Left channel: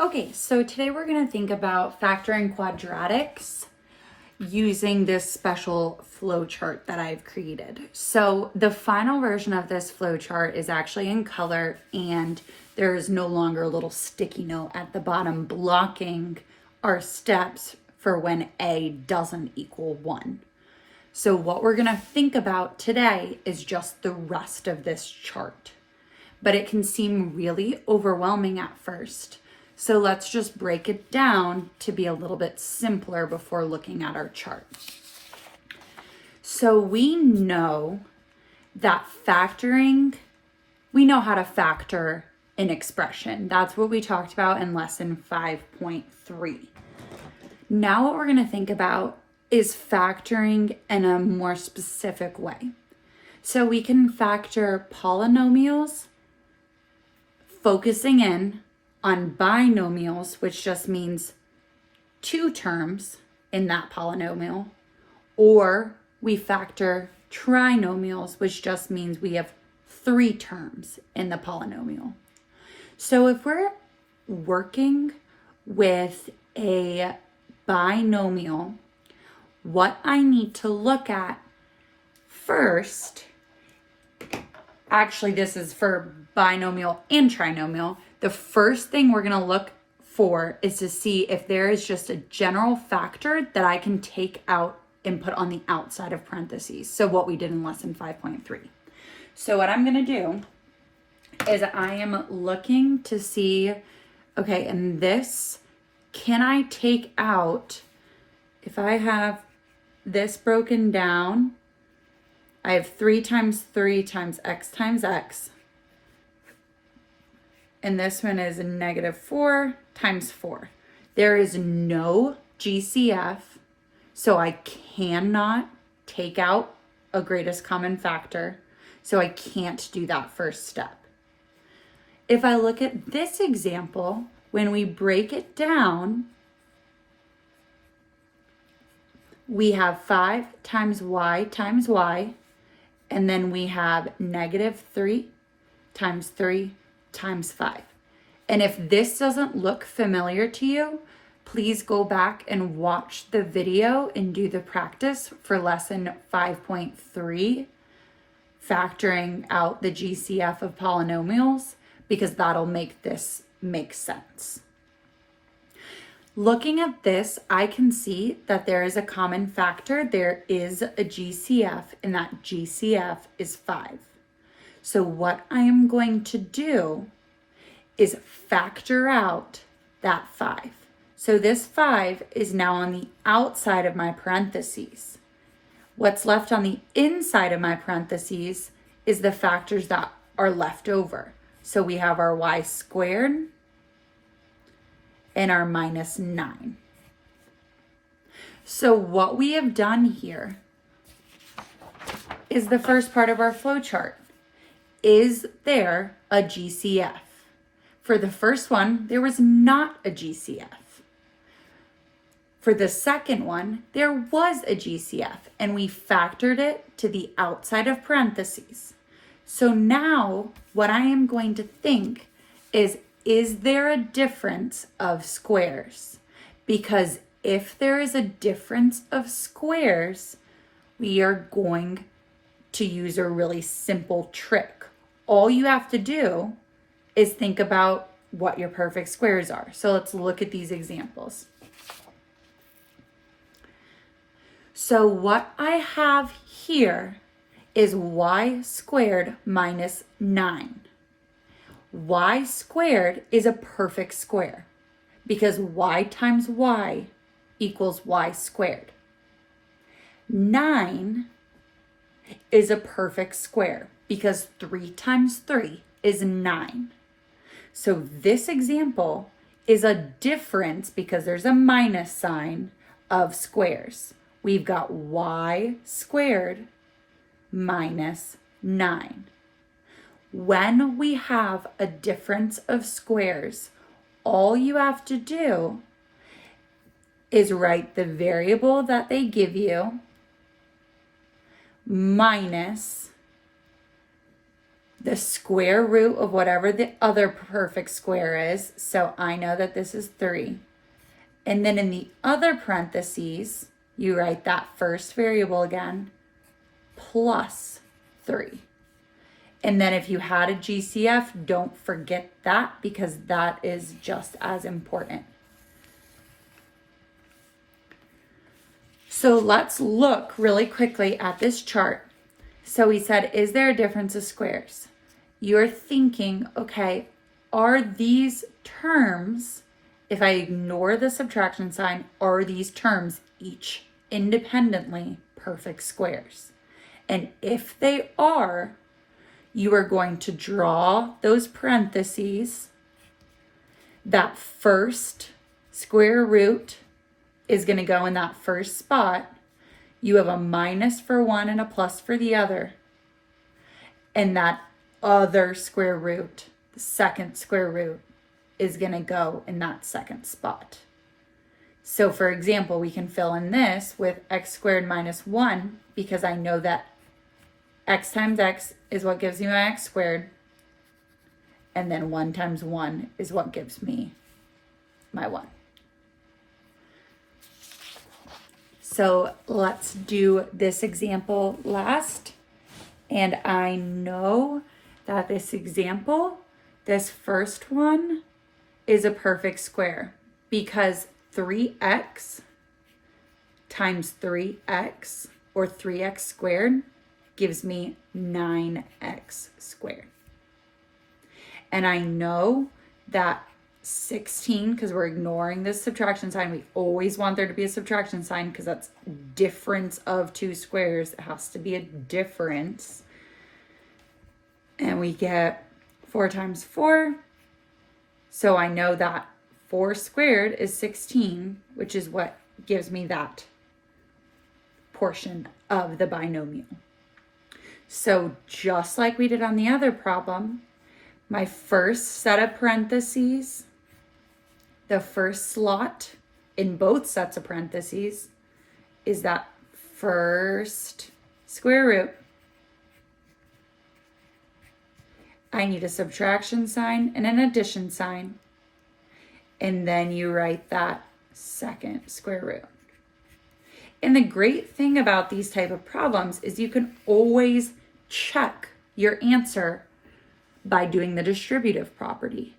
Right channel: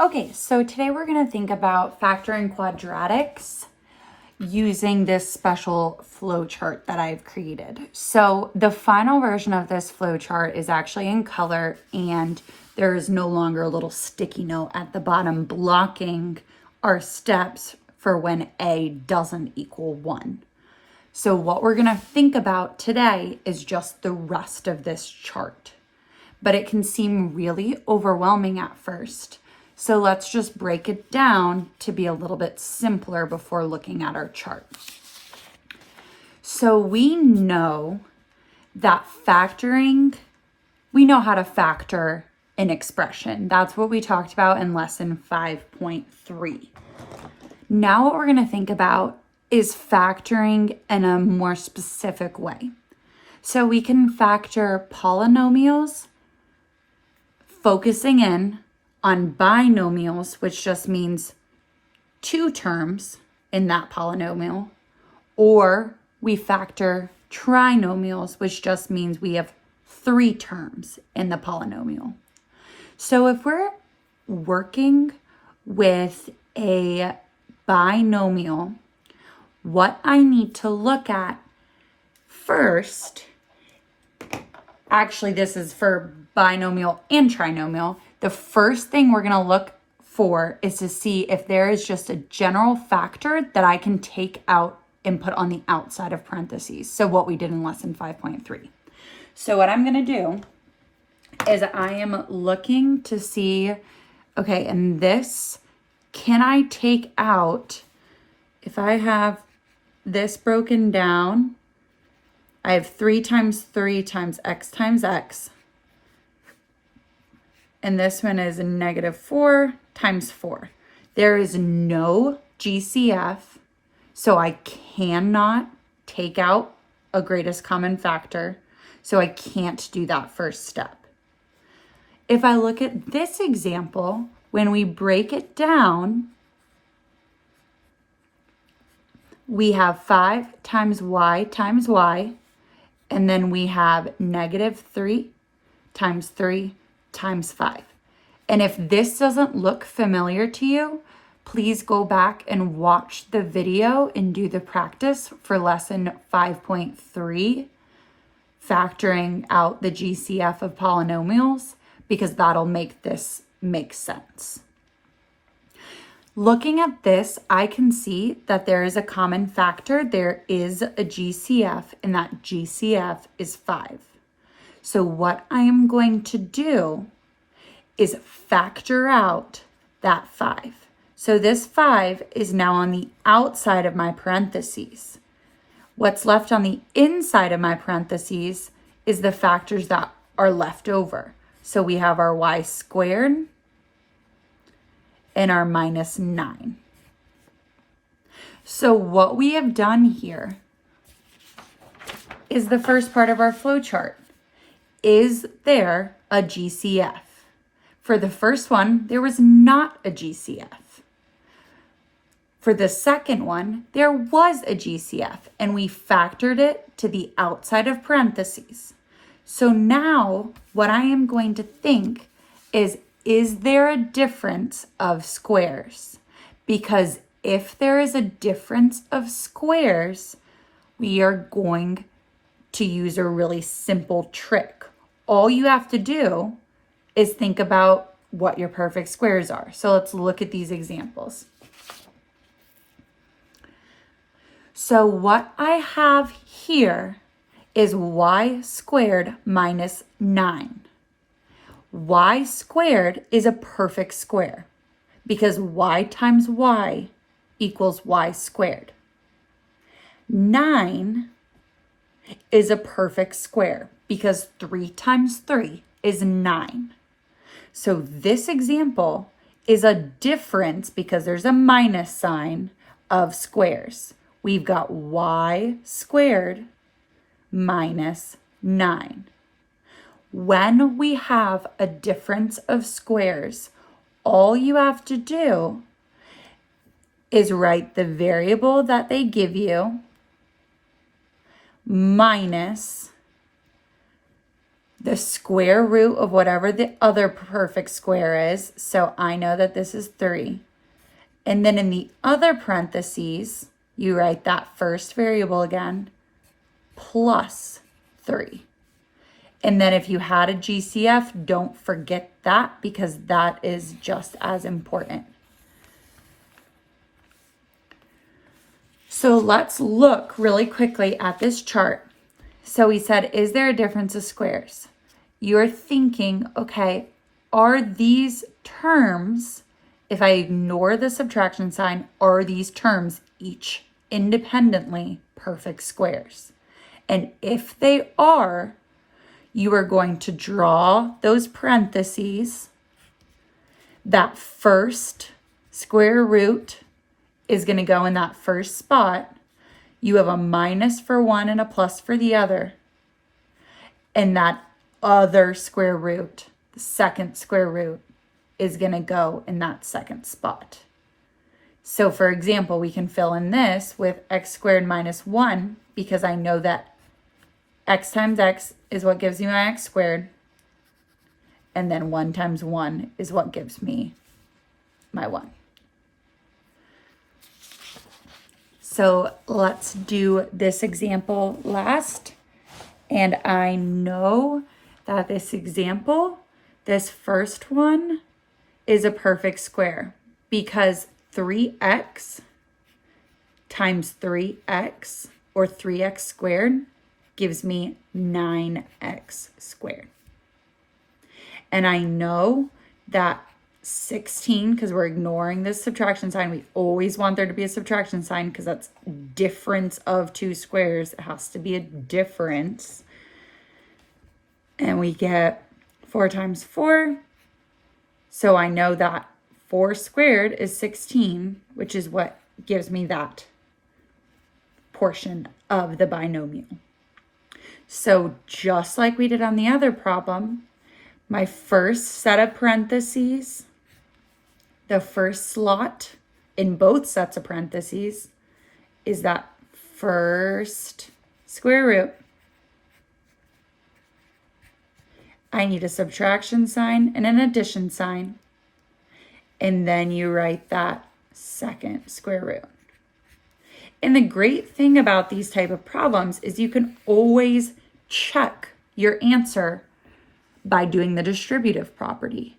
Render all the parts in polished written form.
Okay, so today we're going to think about factoring quadratics using this special flowchart that I've created. So the final version of this flowchart is actually in color, and there is no longer a little sticky note at the bottom blocking our steps for when A doesn't equal 1. So what we're going to think about today is just the rest of this chart. But it can seem really overwhelming at first. So let's just break it down to be a little bit simpler before looking at our chart. So we know that we know how to factor an expression. That's what we talked about in lesson 5.3. Now what we're going to think about is factoring in a more specific way. So we can factor polynomials, focusing in on binomials, which just means 2 terms in that polynomial, or we factor trinomials, which just means we have 3 terms in the polynomial. So if we're working with a binomial, what I need to look at first, actually this is for binomial and trinomial, the first thing we're going to look for is to see if there is just a general factor that I can take out and put on the outside of parentheses. So what we did in lesson 5.3. So what I'm going to do is I am looking to see, okay, and this, can I take out, if I have this broken down, I have 3 times 3 times x times x. And this one is a -4 times 4. There is no GCF, so I cannot take out a greatest common factor. So I can't do that first step. If I look at this example, when we break it down, we have 5 times y, and then we have -3 times 5. And if this doesn't look familiar to you, please go back and watch the video and do the practice for lesson 5.3, factoring out the GCF of polynomials, because that'll make this make sense. Looking at this, I can see that there is a common factor. There is a GCF, and that GCF is 5. So what I am going to do is factor out that 5. So this 5 is now on the outside of my parentheses. What's left on the inside of my parentheses is the factors that are left over. So we have our y squared and our -9. So what we have done here is the first part of our flowchart. Is there a GCF? For the first one, there was not a GCF. For the second one, there was a GCF, and we factored it to the outside of parentheses. So now what I am going to think is there a difference of squares? Because if there is a difference of squares, we are going to use a really simple trick. All you have to do is think about what your perfect squares are. So let's look at these examples. So what I have here is y squared minus 9. Y squared is a perfect square because y times y equals y squared. 9 is a perfect square because 3 times 3 is 9. So this example is a difference because there's a minus sign of squares. We've got y squared minus 9. When we have a difference of squares, all you have to do is write the variable that they give you minus the square root of whatever the other perfect square is. So I know that this is 3. And then in the other parentheses, you write that first variable again, plus 3. And then if you had a GCF, don't forget that because that is just as important. So let's look really quickly at this chart. So we said, is there a difference of squares? You're thinking, okay, are these terms, if I ignore the subtraction sign, are these terms each independently perfect squares? And if they are, you are going to draw those parentheses. That first square root is going to go in that first spot. You have a minus for one and a plus for the other. And that other square root, the second square root, is going to go in that second spot. So for example, we can fill in this with x squared minus 1 because I know that x times x is what gives me my x squared. And then 1 times 1 is what gives me my 1. So let's do this example last. And I know that this example, this first one, is a perfect square because 3x times 3x, or 3x squared, gives me 9x squared. And I know that 16, because we're ignoring this subtraction sign, we always want there to be a subtraction sign because that's difference of two squares. It has to be a difference. And we get 4 times 4. So I know that 4 squared is 16, which is what gives me that portion of the binomial. So just like we did on the other problem, my first set of parentheses, the first slot in both sets of parentheses, is that first square root. I need a subtraction sign and an addition sign. And then you write that second square root. And the great thing about these type of problems is you can always check your answer by doing the distributive property.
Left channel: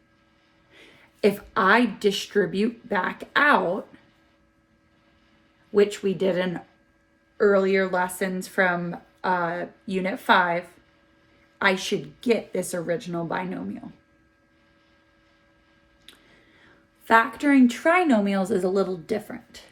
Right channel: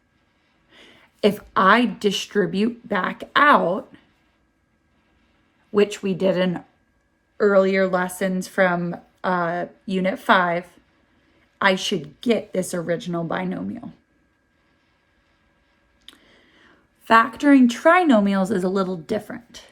If I distribute back out, which we did in earlier lessons from Unit 5, I should get this original binomial. Factoring trinomials is a little different.